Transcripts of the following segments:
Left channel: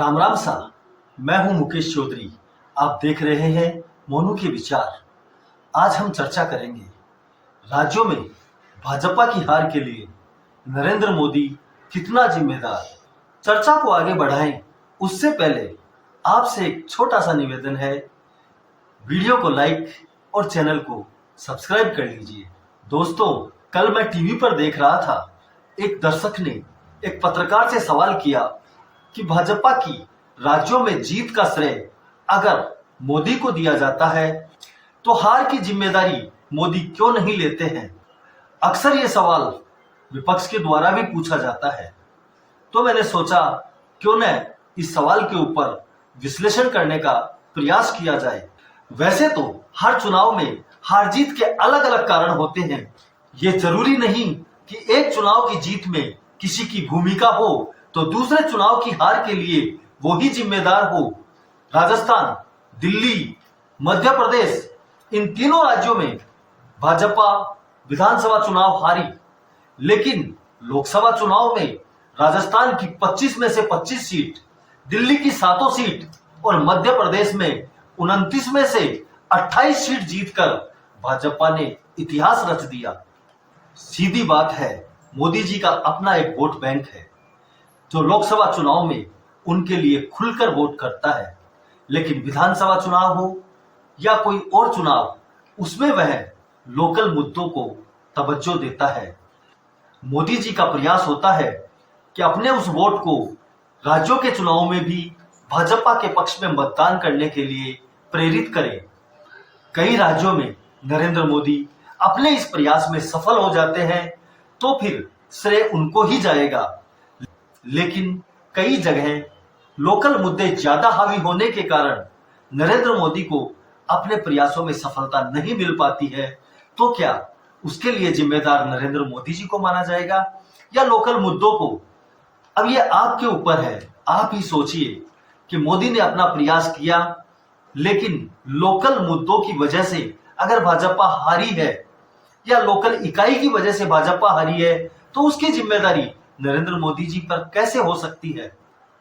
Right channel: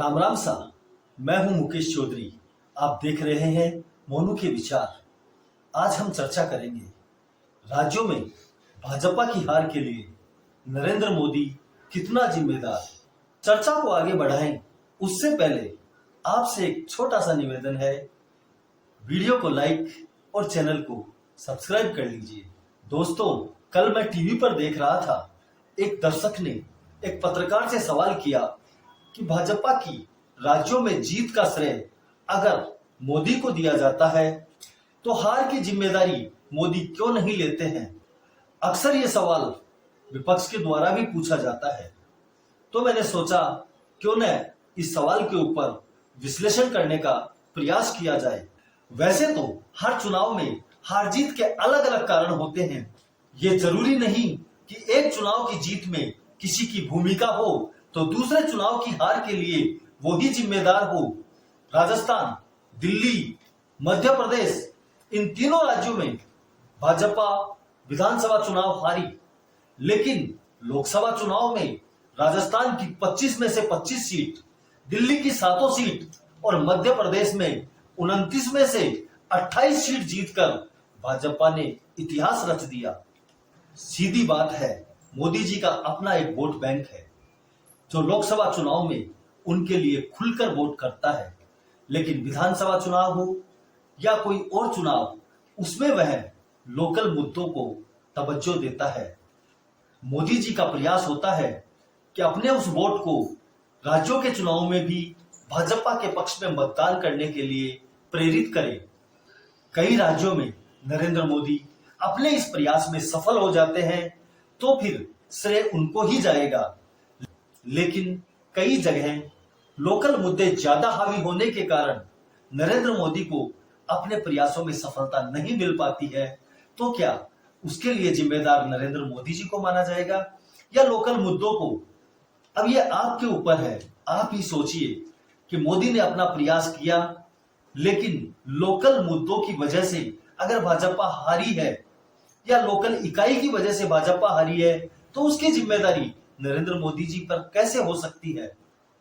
राम राम सा। मैं हूं मुकेश चौधरी। आप देख रहे हैं मोनू के विचार। आज हम चर्चा करेंगे राज्यों में भाजपा की हार के लिए नरेंद्र मोदी कितना जिम्मेदार। चर्चा को आगे बढ़ाएं उससे पहले आपसे एक छोटा सा निवेदन है, वीडियो को लाइक और चैनल को सब्सक्राइब कर लीजिए। दोस्तों, कल मैं टीवी पर देख रहा था, एक दर्शक ने एक पत्रकार से सवाल किया कि भाजपा की राज्यों में जीत का श्रेय अगर मोदी को दिया जाता है तो हार की जिम्मेदारी मोदी क्यों नहीं लेते हैं। अक्सर ये सवाल विपक्ष के द्वारा भी पूछा जाता है, तो मैंने सोचा क्यों न इस सवाल के ऊपर विश्लेषण करने का प्रयास किया जाए। वैसे तो हर चुनाव में हार जीत के अलग अलग कारण होते हैं। ये जरूरी नहीं कि एक चुनाव की जीत में किसी की भूमिका हो तो दूसरे चुनाव की हार के लिए वो ही जिम्मेदार हो। राजस्थान, दिल्ली, मध्य प्रदेश, इन तीनों राज्यों में भाजपा विधानसभा चुनाव हारी, लेकिन लोकसभा चुनाव में राजस्थान की 25 में से 25 सीट, दिल्ली की 7 सीट और मध्य प्रदेश में 29 में से 28 सीट जीतकर भाजपा ने इतिहास रच दिया। सीधी बात है, मोदी जी का अपना एक वोट बैंक है जो लोकसभा चुनाव में उनके लिए खुलकर वोट करता है, लेकिन विधानसभा चुनाव हो या कोई और चुनाव, उसमें वह लोकल मुद्दों को तवज्जो देता है। मोदी जी का प्रयास होता है कि अपने उस वोट को राज्यों के चुनाव में भी भाजपा के पक्ष में मतदान करने के लिए प्रेरित करे। कई राज्यों में नरेंद्र मोदी अपने इस प्रयास में सफल हो जाते हैं तो फिर श्रेय उनको ही जाएगा, लेकिन कई जगह लोकल मुद्दे ज्यादा हावी होने के कारण नरेंद्र मोदी को अपने प्रयासों में सफलता नहीं मिल पाती है, तो क्या उसके लिए जिम्मेदार नरेंद्र मोदी जी को माना जाएगा या लोकल मुद्दों को? अब ये आपके ऊपर है। आप ही सोचिए कि मोदी ने अपना प्रयास किया, लेकिन लोकल मुद्दों की वजह से अगर भाजपा हारी है या लोकल इकाई की वजह से भाजपा हारी है, तो उसकी जिम्मेदारी नरेंद्र मोदी जी पर कैसे हो सकती है?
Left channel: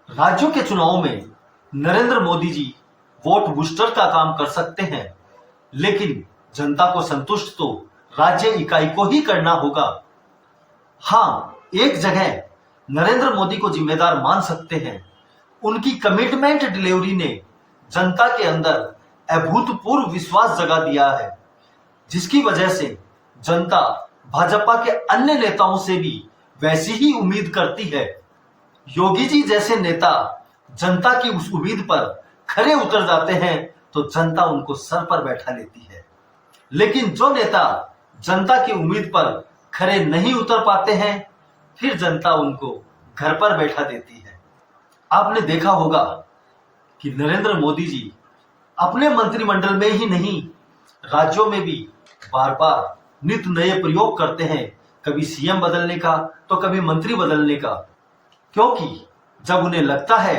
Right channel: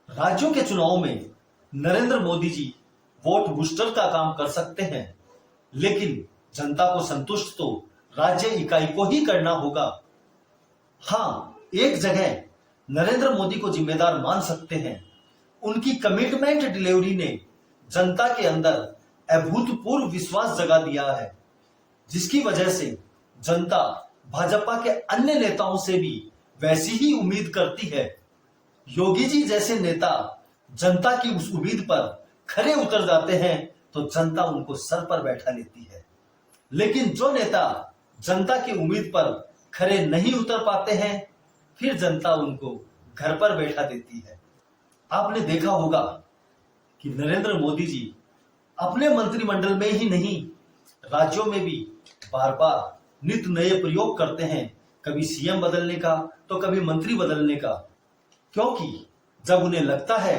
राज्यों के चुनाव में नरेंद्र मोदी जी वोट बूस्टर का काम कर सकते हैं, लेकिन जनता को संतुष्ट तो राज्य इकाई को ही करना होगा। हाँ, एक जगह नरेंद्र मोदी को जिम्मेदार मान सकते हैं, उनकी कमिटमेंट डिलीवरी ने जनता के अंदर अभूतपूर्व विश्वास जगा दिया है, जिसकी वजह से जनता भाजपा के अन्य नेताओं से भी वैसी ही उम्मीद करती है। योगी जी जैसे नेता जनता की उस उम्मीद पर खरे उतर जाते हैं तो जनता उनको सर पर बैठा लेती है, लेकिन जो नेता जनता की उम्मीद पर खरे नहीं उतर पाते हैं, फिर जनता उनको घर पर बैठा देती है। आपने देखा होगा कि नरेंद्र मोदी जी अपने मंत्रिमंडल में ही नहीं, राज्यों में भी बार बार नित नए प्रयोग करते हैं, कभी सीएम बदलने का तो कभी मंत्री बदलने का, क्योंकि जब उन्हें लगता है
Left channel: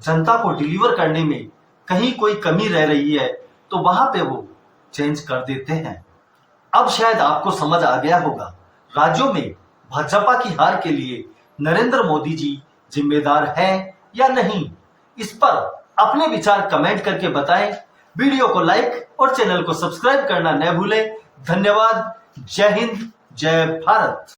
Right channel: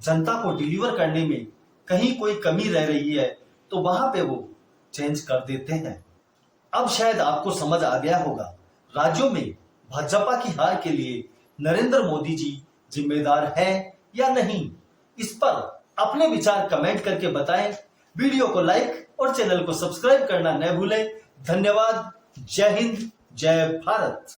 जनता को डिलीवर करने में कहीं कोई कमी रह रही है तो वहां पे वो चेंज कर देते हैं। अब शायद आपको समझ आ गया होगा, राज्यों में भाजपा की हार के लिए नरेंद्र मोदी जी जिम्मेदार है या नहीं। इस पर अपने विचार कमेंट करके बताएं। वीडियो को लाइक और चैनल को सब्सक्राइब करना न भूलें। धन्यवाद। जय हिंद, जय भारत।